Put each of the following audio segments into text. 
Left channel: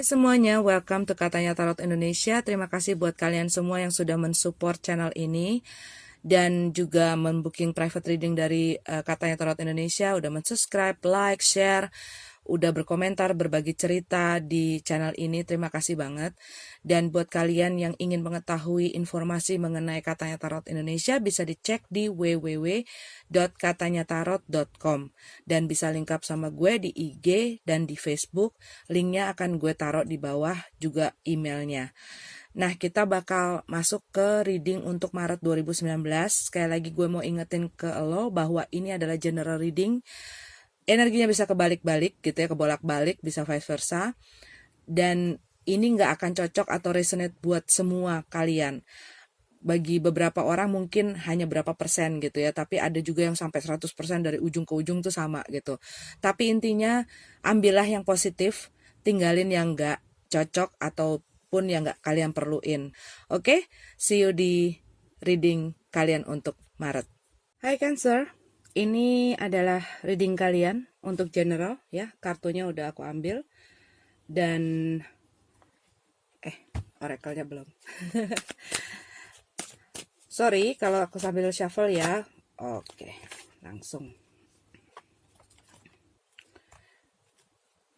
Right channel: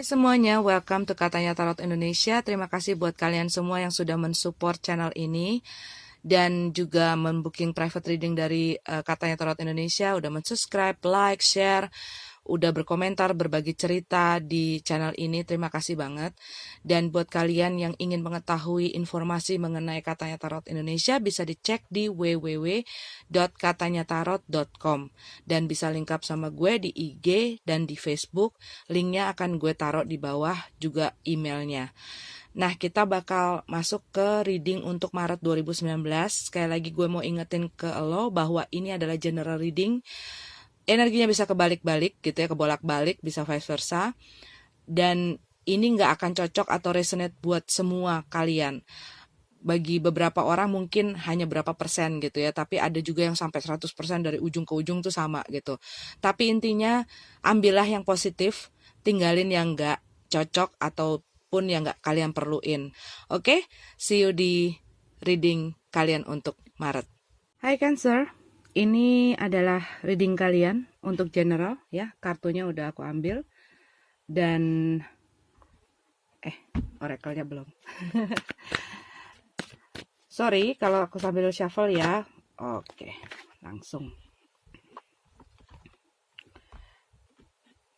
Hai semuanya, welcome to Katanya Tarot Indonesia. Terima kasih buat kalian semua yang sudah mensupport channel ini dan juga membooking private reading dari Katanya Tarot Indonesia, udah mensubscribe, like, share, udah berkomentar, berbagi cerita di channel ini. Terima kasih banget. Dan buat kalian yang ingin mengetahui informasi mengenai Katanya Tarot Indonesia, bisa dicek di www.katanyatarot.com dan bisa link up sama gue di IG dan di Facebook. Linknya akan gue taruh di bawah, juga emailnya. Nah, kita bakal masuk ke reading untuk Maret 2019. Sekali lagi gue mau ingetin ke lo bahwa ini adalah general reading. Energinya bisa kebalik-balik gitu ya, kebolak-balik, bisa vice versa. Dan ini nggak akan cocok atau resonate buat semua kalian. Bagi beberapa orang mungkin hanya berapa persen gitu ya, tapi ada juga yang sampai 100% dari ujung ke ujung tuh sama gitu. Tapi intinya ambillah yang positif, tinggalin yang nggak cocok ataupun yang nggak kalian perluin. Oke, see you di reading kalian untuk Maret. Hai Cancer, ini adalah reading kalian untuk general ya. Kartunya udah aku ambil dan oracle-nya belum. Sorry kalau aku sambil shuffle ya. Oke, langsung.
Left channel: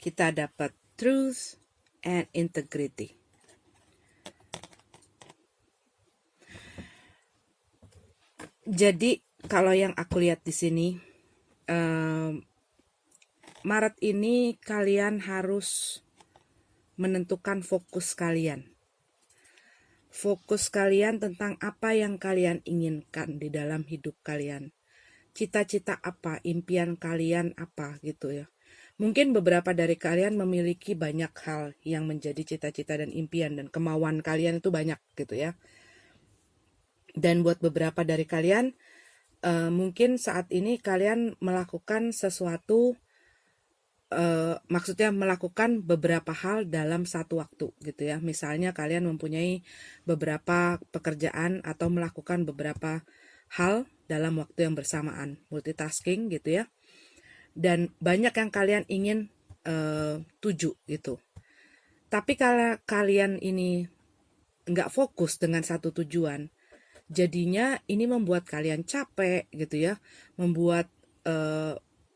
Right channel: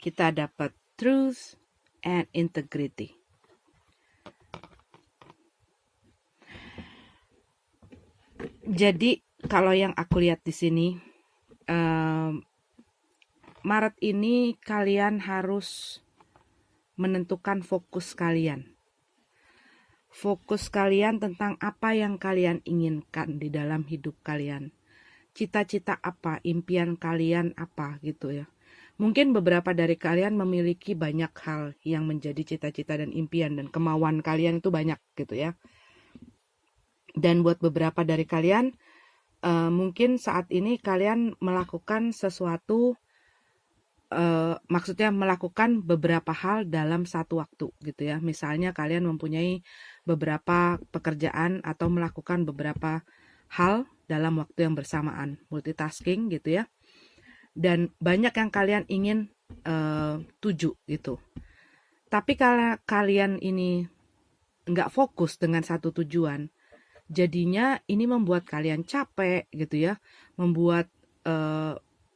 Kita dapat truth and integrity. Jadi kalau yang aku lihat di sini, Maret ini kalian harus menentukan fokus kalian. Fokus kalian tentang apa yang kalian inginkan di dalam hidup kalian. Cita-cita apa, impian kalian apa gitu ya. Mungkin beberapa dari kalian memiliki banyak hal yang menjadi cita-cita dan impian dan kemauan kalian itu banyak gitu ya. Dan buat beberapa dari kalian, mungkin saat ini kalian melakukan sesuatu, maksudnya melakukan beberapa hal dalam satu waktu gitu ya. Misalnya kalian mempunyai beberapa pekerjaan atau melakukan beberapa hal dalam waktu yang bersamaan, multitasking gitu ya. Dan banyak yang kalian ingin tuju gitu. Tapi kalau kalian ini nggak fokus dengan satu tujuan, jadinya ini membuat kalian capek gitu ya, membuat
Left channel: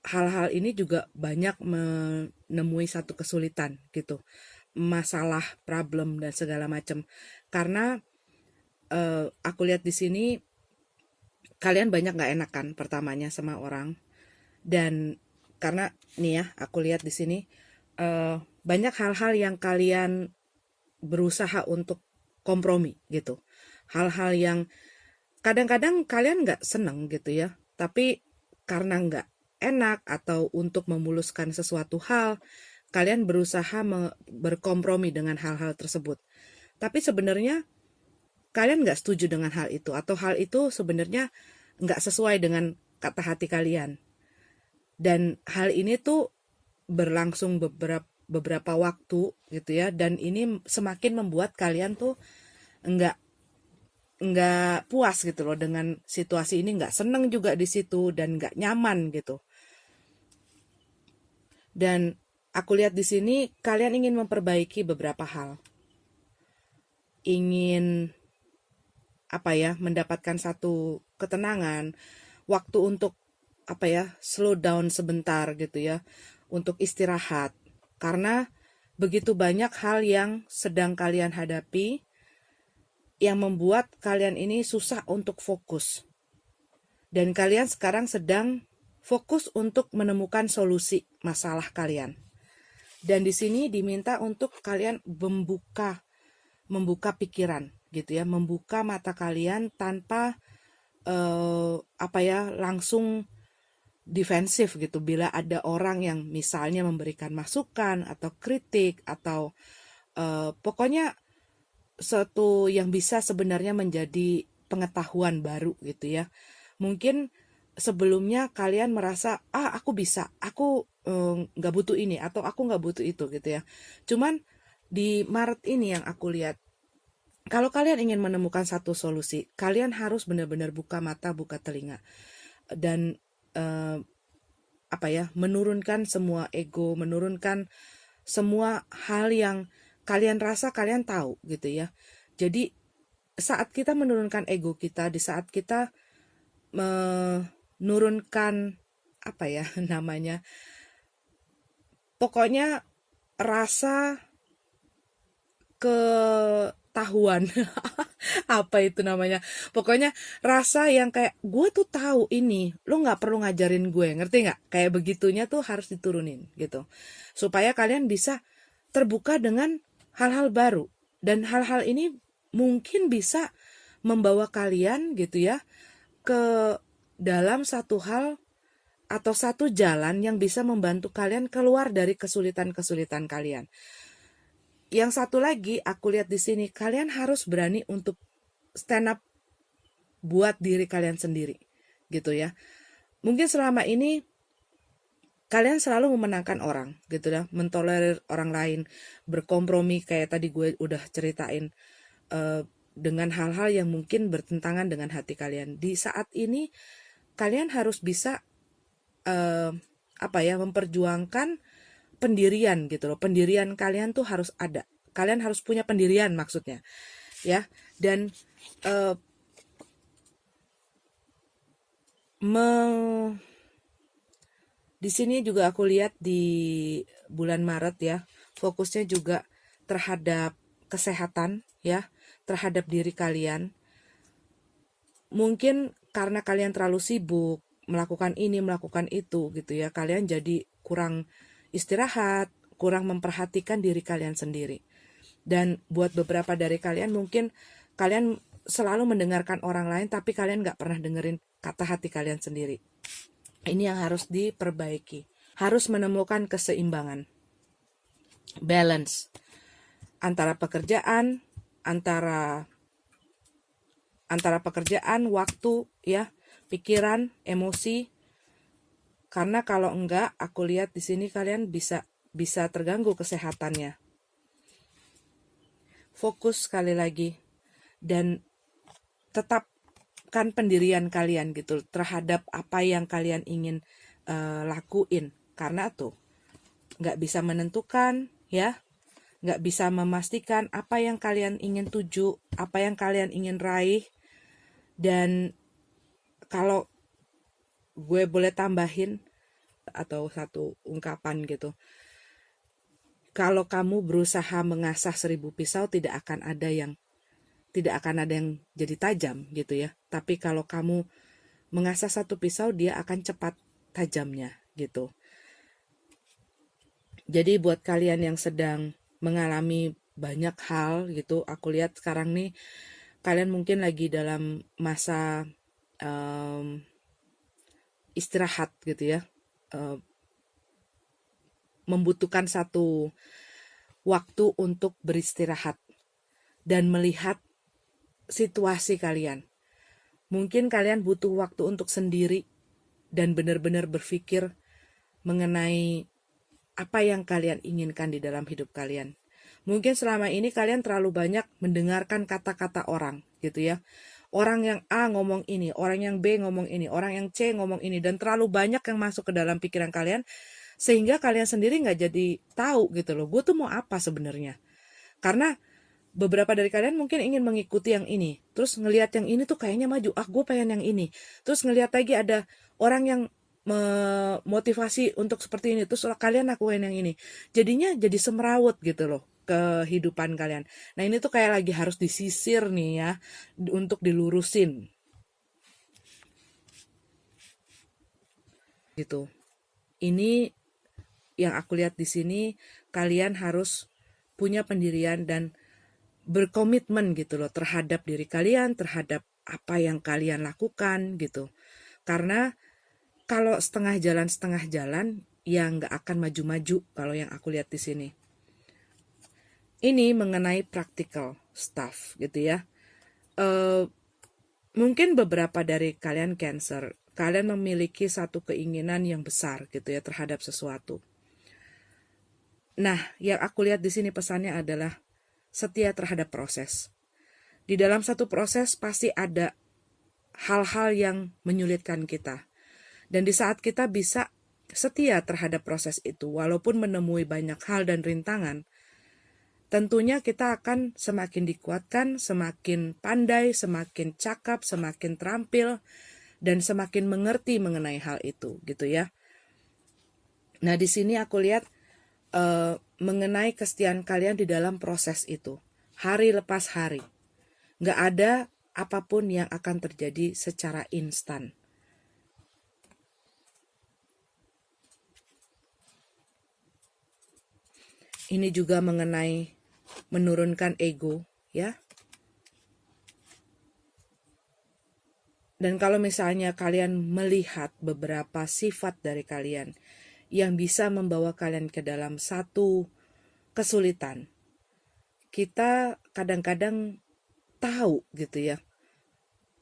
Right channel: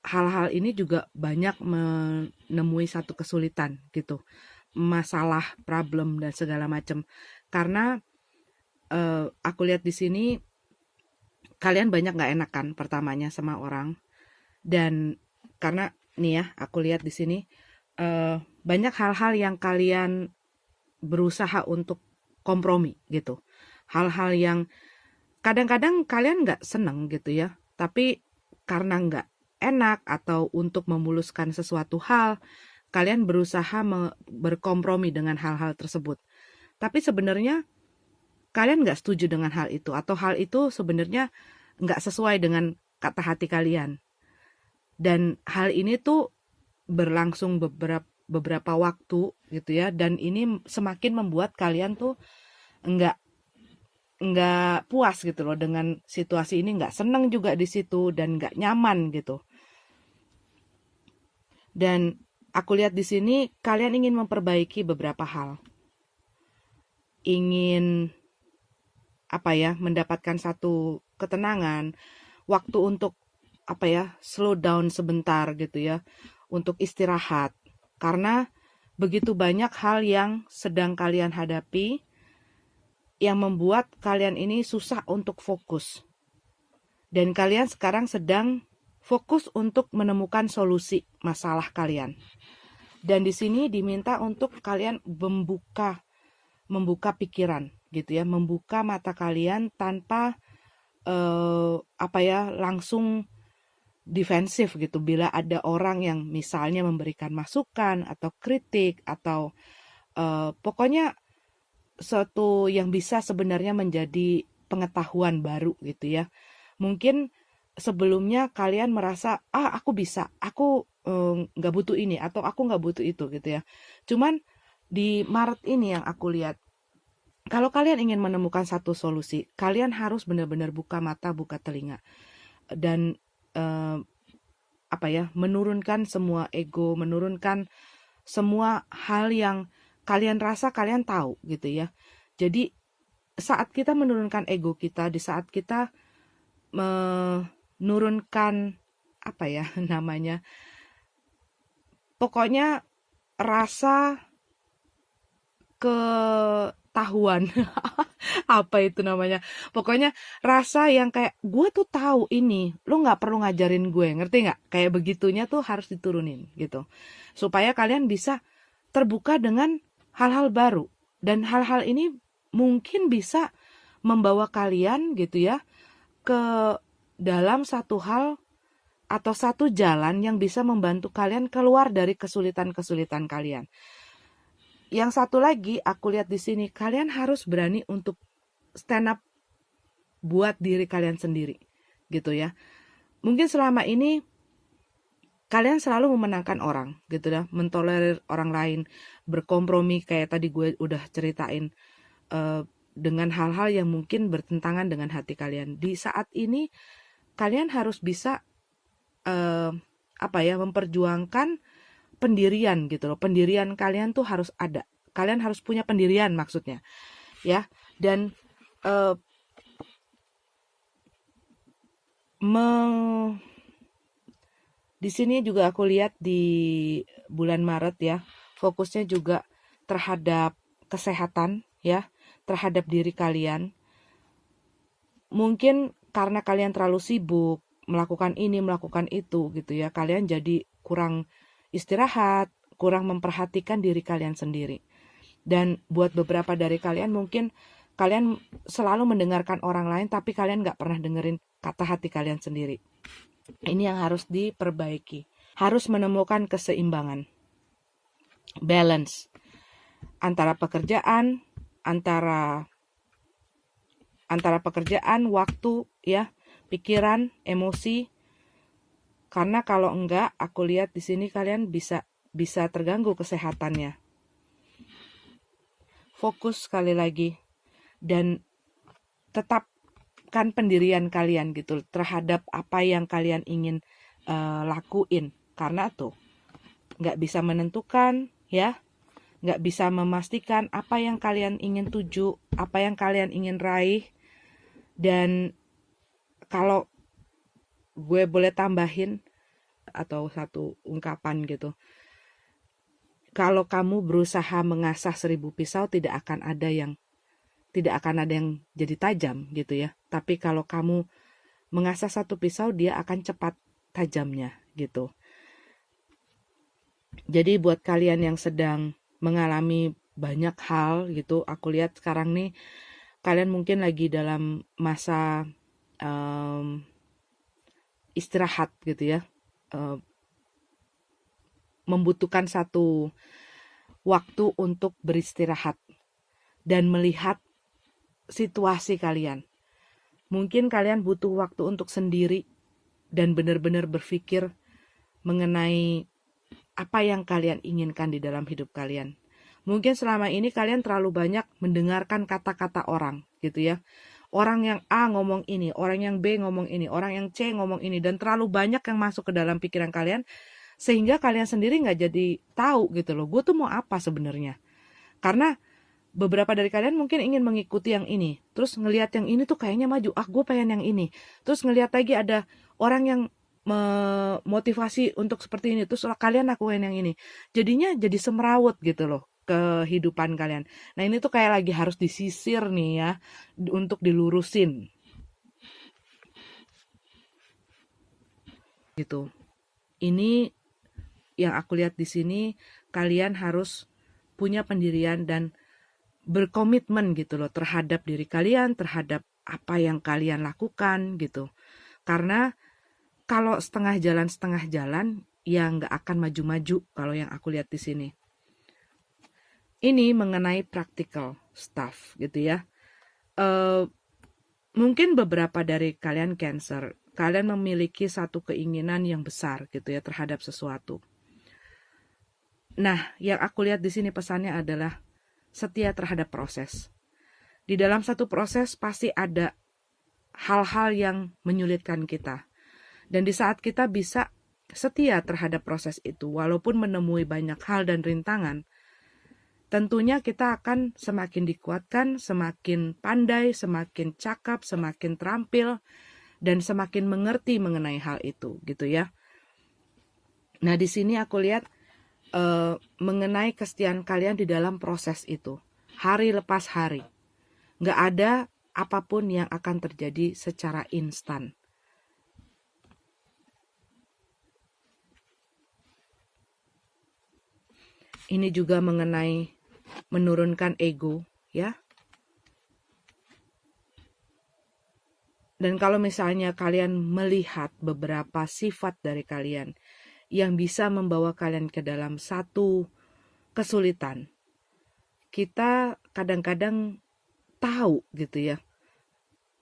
hal-hal ini juga banyak menemui satu kesulitan gitu, masalah, problem dan segala macam. Karena aku lihat di sini kalian banyak nggak enakan pertamanya sama orang, dan karena nih ya aku lihat di sini banyak hal-hal yang kalian berusaha untuk kompromi gitu, hal-hal yang kadang-kadang kalian nggak seneng gitu ya, tapi karena nggak enak atau untuk memuluskan sesuatu hal, kalian berusaha berkompromi dengan hal-hal tersebut. Tapi sebenarnya kalian nggak setuju dengan hal itu, atau hal itu sebenarnya nggak sesuai dengan kata hati kalian. Dan hal ini tuh berlangsung beberapa waktu gitu ya, dan ini semakin membuat kalian tuh nggak puas gitu loh dengan situasi ini, nggak seneng juga di situ dan nggak nyaman gitu. Dan aku lihat di sini kalian ingin memperbaiki beberapa hal, ingin mendapatkan satu ketenangan, waktu untuk slow down sebentar gitu ya, untuk istirahat, karena begitu banyak hal yang sedang kalian hadapi yang membuat kalian ini susah untuk fokus. Dan kalian sekarang sedang fokus untuk menemukan solusi masalah kalian. Dan di sini diminta untuk kalian membuka pikiran gitu ya, membuka mata kalian tanpa langsung defensif gitu. Bila ada orang yang misalnya memberikan masukan atau kritik atau pokoknya suatu yang bisa sebenarnya menjadi pengetahuan baru gitu ya. Mungkin sebelumnya kalian merasa aku bisa, aku nggak butuh ini atau aku nggak butuh itu gitu ya. Cuman di Maret ini yang aku lihat, kalau kalian ingin menemukan satu solusi, kalian harus benar-benar buka mata, buka telinga, dan menurunkan semua ego, menurunkan semua hal yang kalian rasa kalian tahu gitu ya. Jadi saat kita menurunkan ego kita, di saat kita menurunkan apa ya namanya, pokoknya rasa ketahuan apa itu namanya, pokoknya rasa yang kayak gue tuh tahu ini, lo nggak perlu ngajarin gue, ngerti nggak, kayak begitunya tuh harus diturunin gitu, supaya kalian bisa terbuka dengan hal-hal baru, dan hal-hal ini mungkin bisa membawa kalian gitu ya ke dalam satu hal atau satu jalan yang bisa membantu kalian keluar dari kesulitan-kesulitan kalian. Yang satu lagi aku lihat di sini, kalian harus berani untuk stand up buat diri kalian sendiri gitu ya. Mungkin selama ini kalian selalu memenangkan orang gitu ya, mentolerir orang lain, berkompromi kayak tadi gue udah ceritain dengan hal-hal yang mungkin bertentangan dengan hati kalian. Di saat ini kalian harus bisa memperjuangkan pendirian gitu loh. Pendirian kalian tuh harus ada. Kalian harus punya pendirian maksudnya. Ya. Dan di sini juga aku lihat di bulan Maret ya, fokusnya juga terhadap kesehatan ya, terhadap diri kalian. Mungkin karena kalian terlalu sibuk melakukan ini, melakukan itu gitu ya, kalian jadi kurang istirahat, kurang memperhatikan diri kalian sendiri. Dan buat beberapa dari kalian mungkin kalian selalu mendengarkan orang lain, tapi kalian gak pernah dengerin kata hati kalian sendiri. Ini yang harus diperbaiki. Harus menemukan keseimbangan, balance antara pekerjaan, antara pekerjaan, waktu ya, pikiran, emosi. Karena kalau enggak, aku lihat di sini kalian bisa terganggu kesehatannya. Fokus sekali lagi dan tetapkan pendirian kalian gitu terhadap apa yang kalian ingin lakuin. Karena tuh nggak bisa menentukan ya, nggak bisa memastikan apa yang kalian ingin tuju, apa yang kalian ingin raih. Dan kalau gue boleh tambahin atau satu ungkapan gitu, kalau kamu berusaha mengasah 1000 pisau tidak akan ada yang jadi tajam gitu ya. Tapi kalau kamu mengasah satu pisau, dia akan cepat tajamnya gitu. Jadi buat kalian yang sedang mengalami banyak hal gitu, aku lihat sekarang nih kalian mungkin lagi dalam masa istirahat gitu ya, membutuhkan satu waktu untuk beristirahat dan melihat situasi kalian. Mungkin kalian butuh waktu untuk sendiri dan benar-benar berpikir mengenai apa yang kalian inginkan di dalam hidup kalian. Mungkin selama ini kalian terlalu banyak mendengarkan kata-kata orang gitu ya. Orang yang A ngomong ini, orang yang B ngomong ini, orang yang C ngomong ini, dan terlalu banyak yang masuk ke dalam pikiran kalian sehingga kalian sendiri nggak jadi tahu gitu loh, gue tuh mau apa sebenarnya. Karena beberapa dari kalian mungkin ingin mengikuti yang ini, terus ngelihat yang ini tuh kayaknya maju, gue pengen yang ini, terus ngelihat lagi ada orang yang memotivasi untuk seperti ini, terus kalian lakuin yang ini, jadinya jadi semrawut gitu loh kehidupan kalian. Nah ini tuh kayak lagi harus disisir nih ya, untuk dilurusin gitu. Ini yang aku lihat di sini, kalian harus punya pendirian dan berkomitmen gitu loh terhadap diri kalian, terhadap apa yang kalian lakukan gitu. Karena kalau setengah jalan ya nggak akan maju-maju kalau yang aku lihat di sini. Ini mengenai practical stuff gitu ya. Mungkin beberapa dari kalian Cancer, kalian memiliki satu keinginan yang besar gitu ya terhadap sesuatu. Nah, yang aku lihat di sini pesannya adalah setia terhadap proses. Di dalam satu proses pasti ada hal-hal yang menyulitkan kita. Dan di saat kita bisa setia terhadap proses itu, walaupun menemui banyak hal dan rintangan, tentunya kita akan semakin dikuatkan, semakin pandai, semakin cakap, semakin terampil, dan semakin mengerti mengenai hal itu, gitu ya. Nah, di sini aku lihat mengenai kesetiaan kalian di dalam proses itu, hari lepas hari. Nggak ada apapun yang akan terjadi secara instan. Ini juga mengenai menurunkan ego, ya. Dan kalau misalnya kalian melihat beberapa sifat dari kalian yang bisa membawa kalian ke dalam satu kesulitan, kita kadang-kadang tahu gitu ya,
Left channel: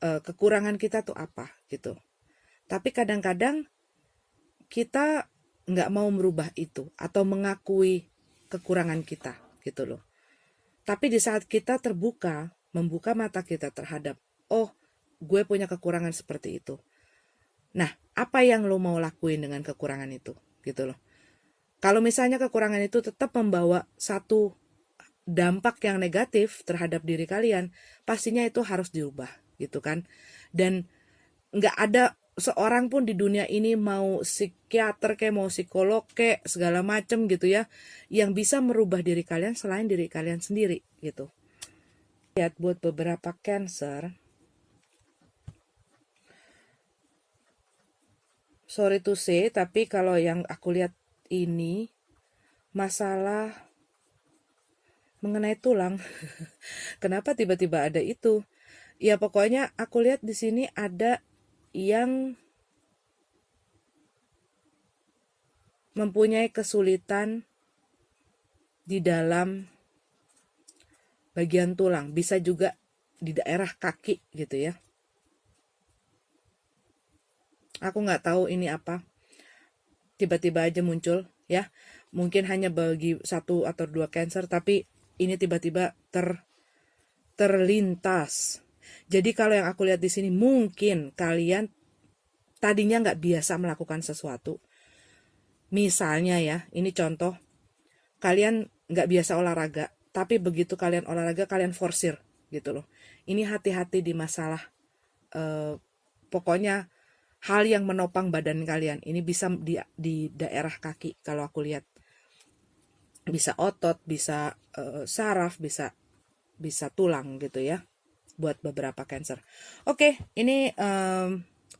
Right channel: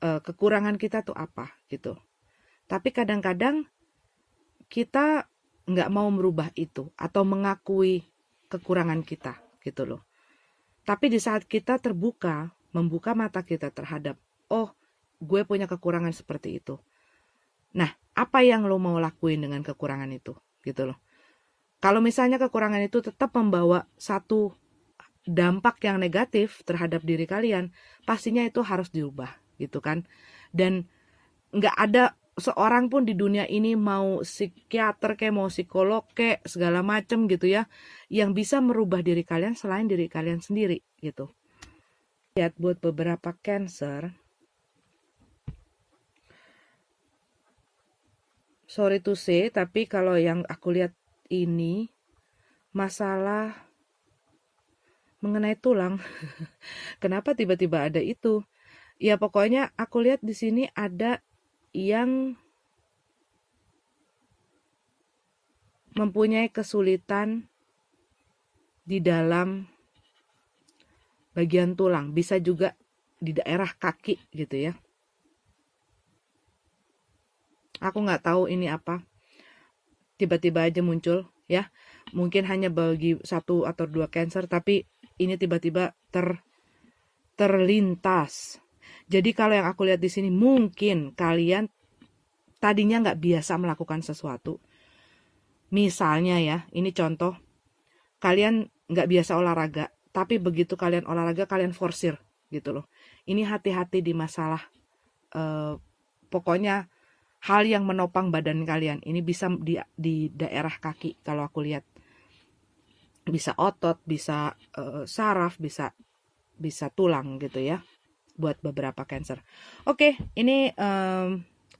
kekurangan kita tuh apa gitu. Tapi kadang-kadang kita nggak mau merubah itu atau mengakui kekurangan kita gitu loh. Tapi di saat kita terbuka, membuka mata kita terhadap, oh gue punya kekurangan seperti itu. Nah, apa yang lo mau lakuin dengan kekurangan itu gitu loh. Kalau misalnya kekurangan itu tetap membawa satu dampak yang negatif terhadap diri kalian, pastinya itu harus diubah gitu kan. Dan nggak ada seorang pun di dunia ini, mau psikiater kayak mau psikolog kayak segala macem gitu ya, yang bisa merubah diri kalian selain diri kalian sendiri gitu. Lihat buat beberapa Cancer, sorry to say, tapi kalau yang aku lihat ini masalah mengenai tulang. Kenapa tiba-tiba ada itu? Ya pokoknya aku lihat di sini ada yang mempunyai kesulitan di dalam bagian tulang, bisa juga di daerah kaki gitu ya. Aku nggak tahu ini apa, tiba-tiba aja muncul ya. Mungkin hanya bagi 1 atau 2 Cancer, tapi ini tiba-tiba terlintas. Jadi kalau yang aku lihat di sini, mungkin kalian tadinya nggak biasa melakukan sesuatu. Misalnya ya, ini contoh, kalian nggak biasa olahraga, tapi begitu kalian olahraga, kalian forsir gitu loh. Ini hati-hati di masalah, pokoknya hal yang menopang badan kalian. Ini bisa di daerah kaki kalau aku lihat. Bisa otot, bisa saraf, bisa tulang gitu ya. Buat beberapa Cancer. Oke, ini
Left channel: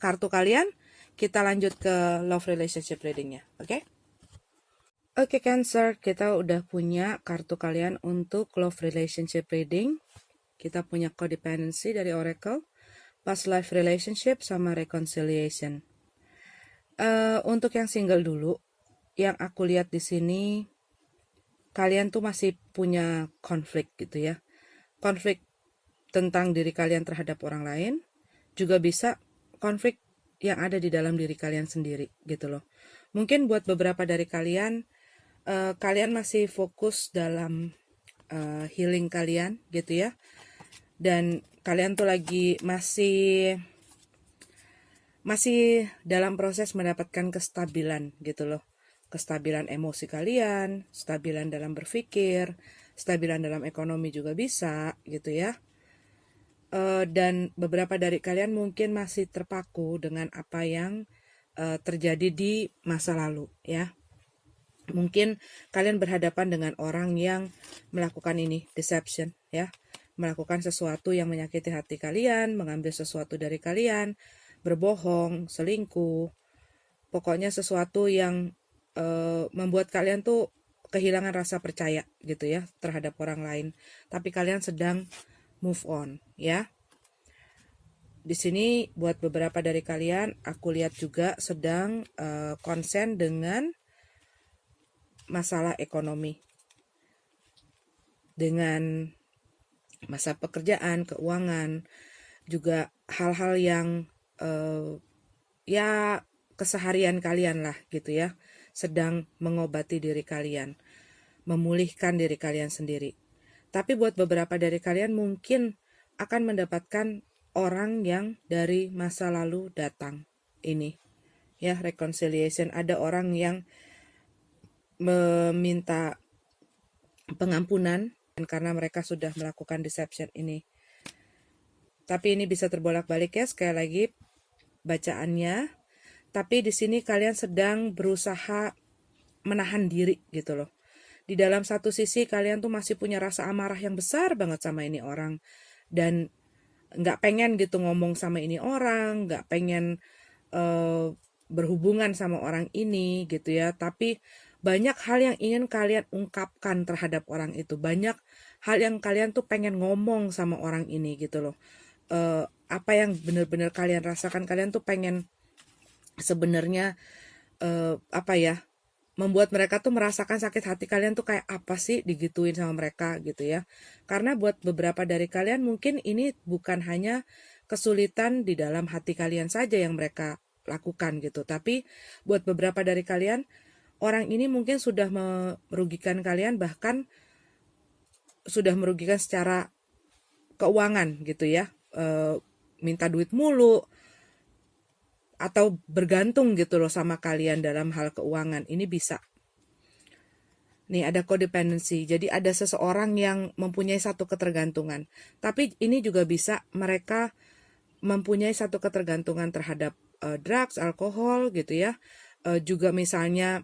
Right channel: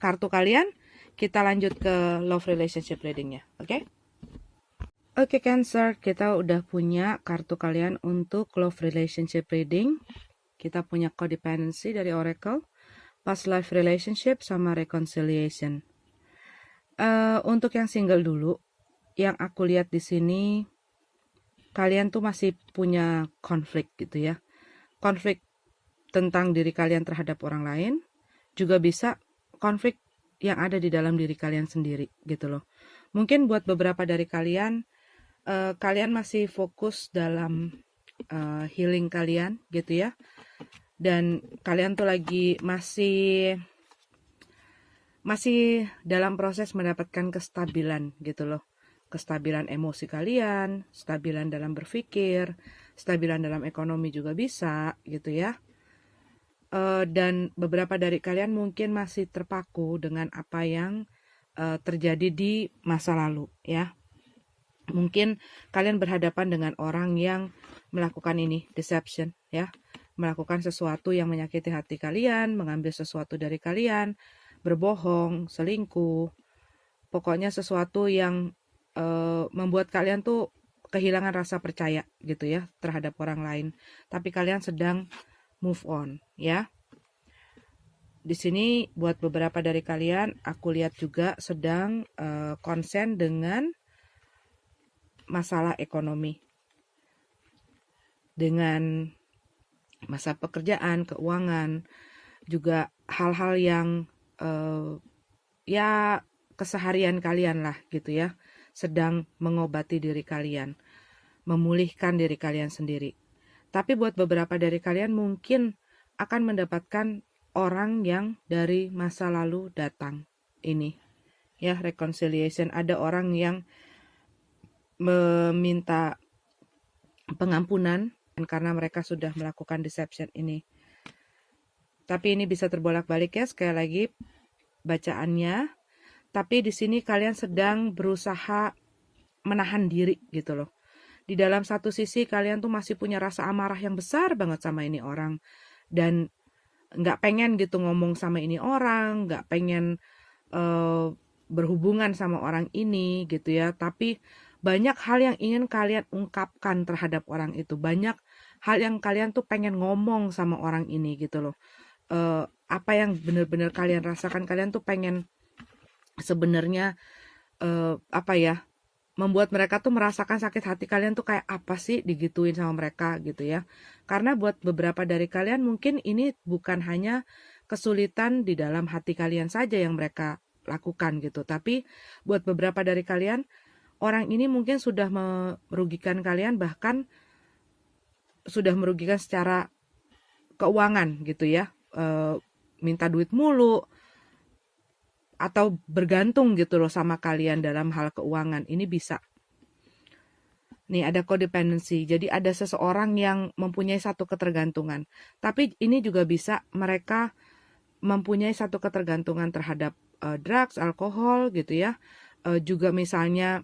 kartu kalian. Kita lanjut ke love relationship readingnya. Oke? Oke Cancer, kita udah punya kartu kalian untuk love relationship reading. Kita punya codependency dari Oracle, past life relationship, sama reconciliation. Untuk yang single dulu, yang aku lihat di sini, kalian tuh masih punya konflik gitu ya. Konflik tentang diri kalian terhadap orang lain, juga bisa konflik yang ada di dalam diri kalian sendiri gitu loh. Mungkin buat beberapa dari kalian, kalian masih fokus dalam healing kalian gitu ya. Dan kalian tuh lagi masih dalam proses mendapatkan kestabilan gitu loh. Kestabilan emosi kalian, stabilan dalam berpikir, stabilan dalam ekonomi juga bisa gitu ya. Dan beberapa dari kalian mungkin masih terpaku dengan apa yang terjadi di masa lalu ya. Mungkin kalian berhadapan dengan orang yang melakukan ini, deception ya. Melakukan sesuatu yang menyakiti hati kalian, mengambil sesuatu dari kalian, berbohong, selingkuh. Pokoknya sesuatu yang membuat kalian tuh kehilangan rasa percaya gitu ya terhadap orang lain. Tapi kalian sedang move on ya. Di sini buat beberapa dari kalian, aku lihat juga sedang konsen dengan masalah ekonomi, dengan masa pekerjaan, keuangan, juga hal-hal yang ya keseharian kalian lah gitu ya, sedang mengobati diri kalian, memulihkan diri kalian sendiri. Tapi buat beberapa dari kalian mungkin akan mendapatkan orang yang dari masa lalu datang ini ya, reconciliation. Ada orang yang meminta pengampunan karena mereka sudah melakukan deception ini. Tapi ini bisa terbolak-balik ya, sekali lagi bacaannya. Tapi di sini kalian sedang berusaha menahan diri gitu loh. Di dalam satu sisi kalian tuh masih punya rasa amarah yang besar banget sama ini orang. Dan nggak pengen gitu ngomong sama ini orang, nggak pengen berhubungan sama orang ini gitu ya. Tapi banyak hal yang ingin kalian ungkapkan terhadap orang itu. Banyak hal yang kalian tuh pengen ngomong sama orang ini gitu loh. Apa yang benar-benar kalian rasakan, kalian tuh pengen sebenarnya membuat mereka tuh merasakan sakit hati kalian tuh kayak apa sih digituin sama mereka gitu ya. Karena buat beberapa dari kalian mungkin ini bukan hanya kesulitan di dalam hati kalian saja yang mereka lakukan gitu. Tapi buat beberapa dari kalian, orang ini mungkin sudah merugikan kalian, bahkan sudah merugikan secara keuangan gitu ya. Minta duit mulu, atau bergantung gitu loh sama kalian dalam hal keuangan. Ini bisa. Nih ada codependency. Jadi ada seseorang yang mempunyai satu ketergantungan. Tapi ini juga bisa mereka mempunyai satu ketergantungan terhadap drugs, alkohol gitu ya. Juga misalnya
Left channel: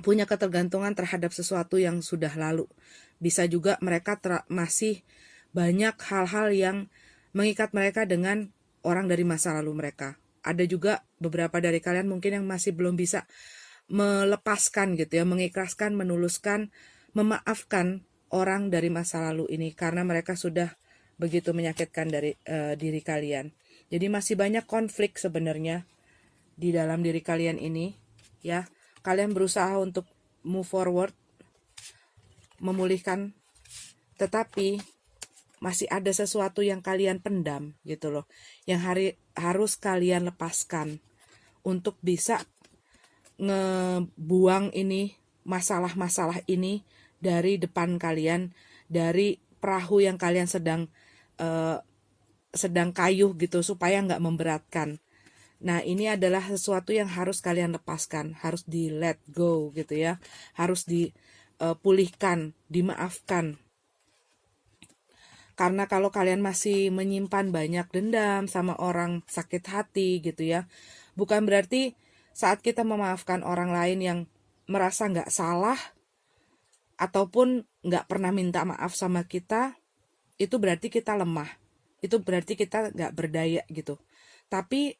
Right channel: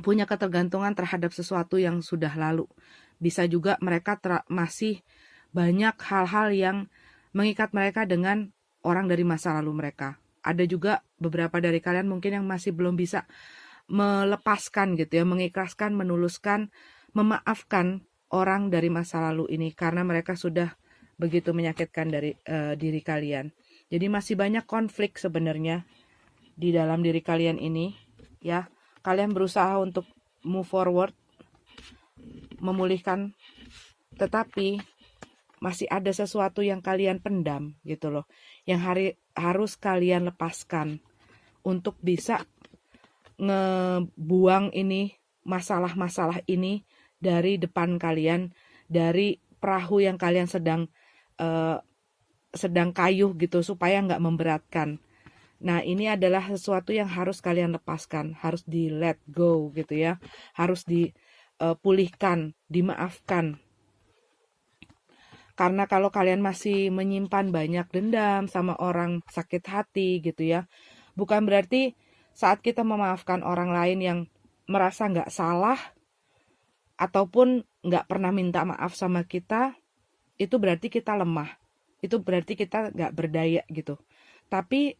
punya ketergantungan terhadap sesuatu yang sudah lalu. Bisa juga mereka masih banyak hal-hal yang mengikat mereka dengan orang dari masa lalu mereka. Ada juga beberapa dari kalian mungkin yang masih belum bisa melepaskan gitu ya, mengikhlaskan, menuluskan, memaafkan orang dari masa lalu ini karena mereka sudah begitu menyakitkan dari diri kalian. Jadi masih banyak konflik sebenarnya di dalam diri kalian ini ya. Kalian berusaha untuk move forward, memulihkan, tetapi masih ada sesuatu yang kalian pendam gitu loh, yang harus kalian lepaskan untuk bisa ngebuang ini masalah-masalah ini dari depan kalian, dari perahu yang kalian sedang kayuh gitu, supaya nggak memberatkan. Nah ini adalah sesuatu yang harus kalian lepaskan, harus di let go gitu ya, harus dipulihkan, dimaafkan. Karena kalau kalian masih menyimpan banyak dendam sama orang, sakit hati gitu ya, bukan berarti saat kita memaafkan orang lain yang merasa nggak salah ataupun nggak pernah minta maaf sama kita, itu berarti kita lemah. Itu berarti kita nggak berdaya gitu. Tapi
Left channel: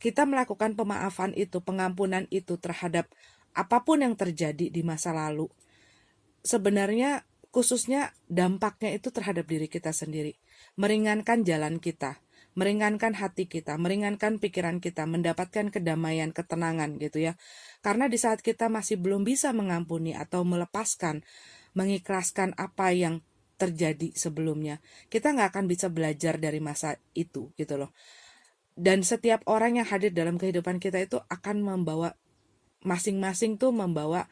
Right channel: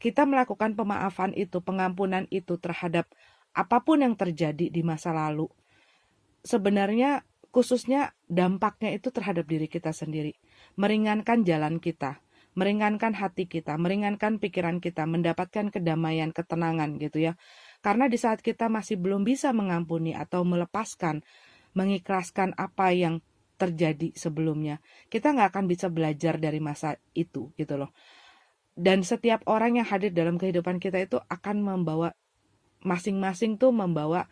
kita melakukan pemaafan itu, pengampunan itu terhadap apapun yang terjadi di masa lalu, sebenarnya khususnya dampaknya itu terhadap diri kita sendiri. Meringankan jalan kita, meringankan hati kita, meringankan pikiran kita, mendapatkan kedamaian, ketenangan gitu ya. Karena di saat kita masih belum bisa mengampuni atau melepaskan, mengikhlaskan apa yang terjadi sebelumnya, kita nggak akan bisa belajar dari masa itu gitu loh. Dan setiap orang yang hadir dalam kehidupan kita itu akan membawa, masing-masing tuh membawa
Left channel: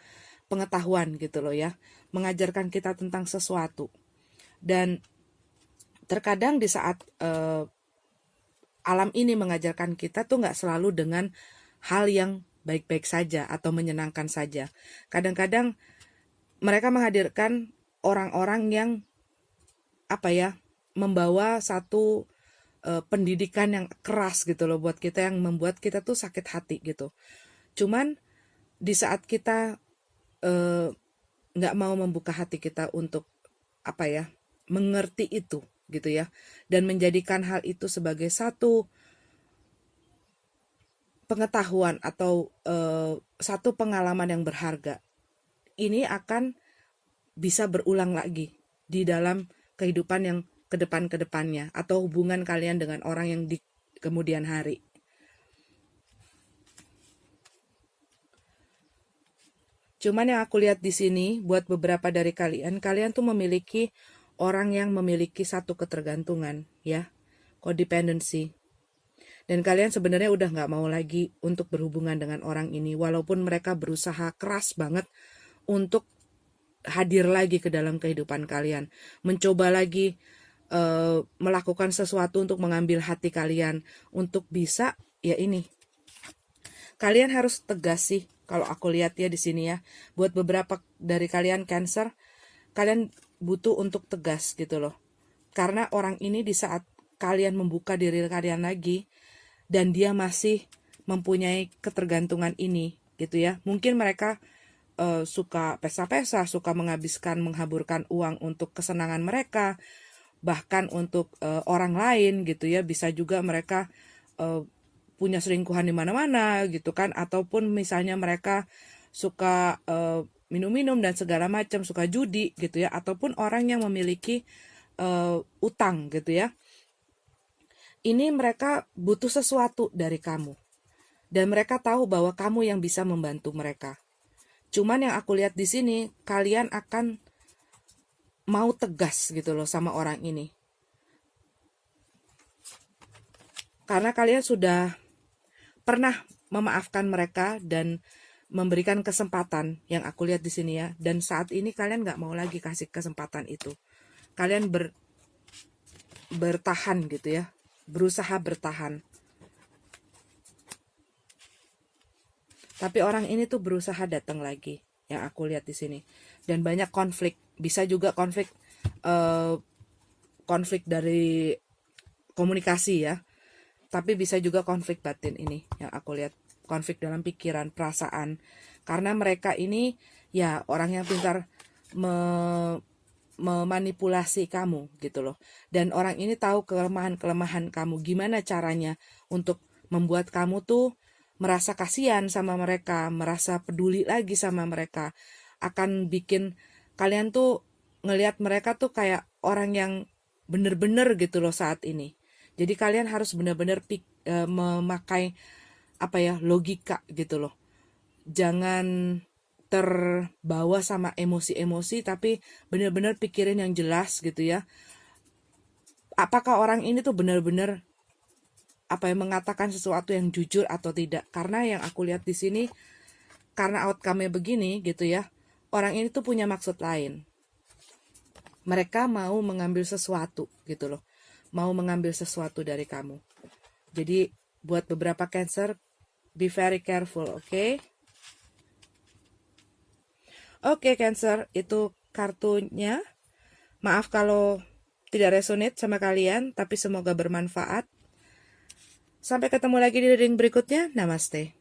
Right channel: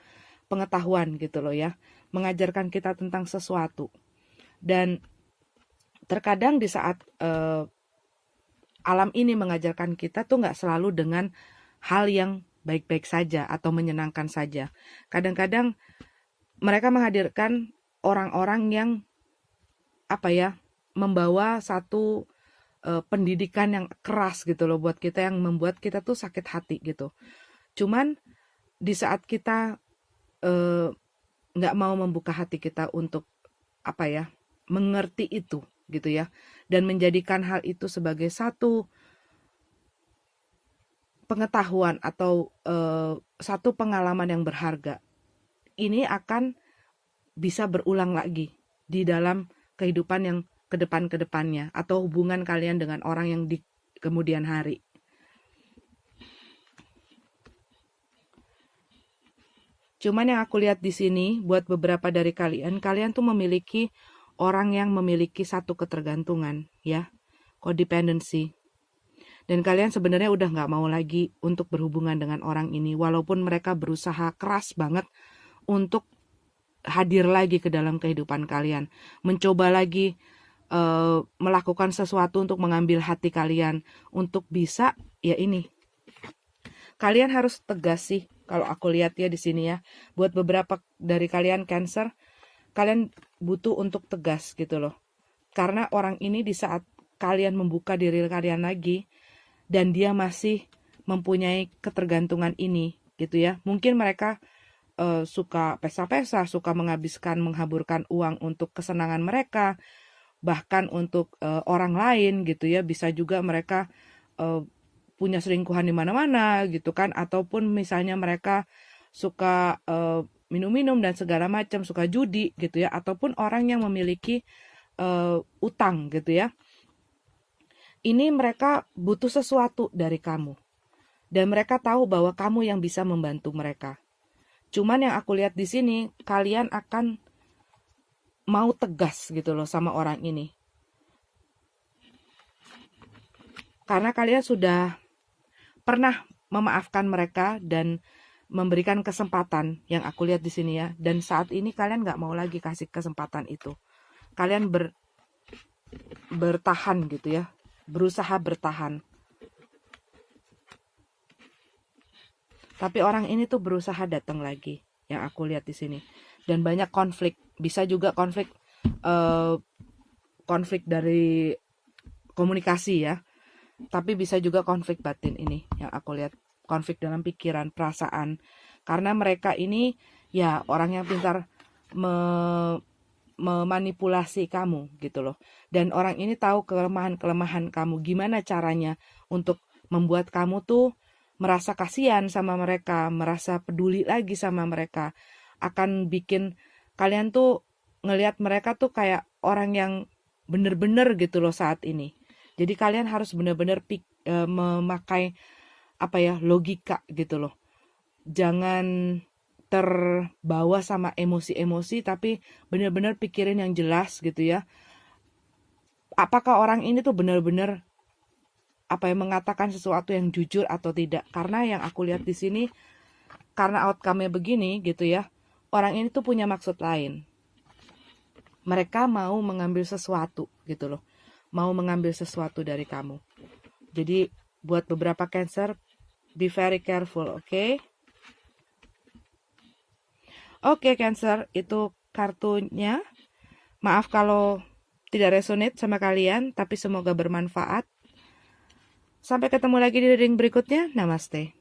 pengetahuan gitu loh ya, mengajarkan kita tentang sesuatu. Dan terkadang di saat alam ini mengajarkan kita tuh nggak selalu dengan hal yang baik-baik saja atau menyenangkan saja. Kadang-kadang mereka menghadirkan orang-orang yang membawa satu pendidikan yang keras gitu loh buat kita, yang membuat kita tuh sakit hati gitu. Cuman di saat kita nggak mau membuka hati kita untuk mengerti itu gitu ya, dan menjadikan hal itu sebagai satu pengetahuan atau satu pengalaman yang berharga, ini akan bisa berulang lagi di dalam kehidupan yang kedepannya atau hubungan kalian dengan orang yang di kemudian hari. Cuman yang aku lihat di sini, buat beberapa dari kalian tuh memiliki orang yang memiliki satu ketergantungan, ya, codependency. Dan kalian sebenarnya udah nggak mau lagi untuk berhubungan dengan orang ini, walaupun mereka berusaha keras banget untuk hadir lagi ke dalam kehidupan kalian, mencoba lagi melakukan sesuatu untuk mengambil hati kalian, untuk bisa kalian harus tegas sih kalau aku lihat ya di sini ya. Buat beberapa dari kalian Cancer, kalian butuh untuk tegas gitu loh. Karena orang ini di saat kalian membuka diri kalian lagi dan dia masih mempunyai ketergantungan ini gitu ya. Mungkin mereka suka pesta-pesta, suka menghaburkan uang untuk kesenangan mereka, bahkan untuk orang lain gitu ya. Bisa juga mereka punya selingkuhan di mana-mana gitu kan, ataupun misalnya mereka suka minum-minum dan segala macam, suka judi gitu ya, ataupun orang yang memiliki utang gitu ya. Ini mereka butuh sesuatu dari kamu dan mereka tahu bahwa kamu yang bisa membantu mereka. Cuman yang aku lihat di sini, kalian akan mau tegas gitu loh sama orang ini. Karena kalian sudah pernah memaafkan mereka dan memberikan kesempatan yang aku lihat di sini ya. Dan saat ini kalian nggak mau lagi kasih kesempatan itu. Kalian bertahan gitu ya, berusaha bertahan. Tapi orang ini tuh berusaha datang lagi, yang aku lihat di sini. Dan banyak konflik, bisa juga konflik dari komunikasi ya. Tapi bisa juga konflik batin ini yang aku lihat, konflik dalam pikiran, perasaan. Karena mereka ini ya orang yang pintar memanipulasi kamu gitu loh. Dan orang ini tahu kelemahan-kelemahan kamu, gimana caranya untuk membuat kamu tuh merasa kasihan sama mereka, merasa peduli lagi sama mereka. Akan bikin kalian tuh ngelihat mereka tuh kayak orang yang bener-bener gitu loh saat ini. Jadi kalian harus bener-bener memakai logika gitu loh. Jangan terbawa sama emosi-emosi, tapi bener-bener pikirin yang jelas gitu ya. Apakah orang ini tuh bener-bener mengatakan sesuatu yang jujur atau tidak. Karena yang aku lihat di sini, karena outcome-nya begini gitu ya, orang ini tuh punya maksud lain. Mereka mau mengambil sesuatu gitu loh, mau mengambil sesuatu dari kamu. Jadi buat beberapa Cancer, be very careful, oke? Oke Cancer, itu kartunya. Maaf kalau tidak resonate sama kalian, tapi semoga bermanfaat. Sampai ketemu lagi di reading berikutnya. Namaste.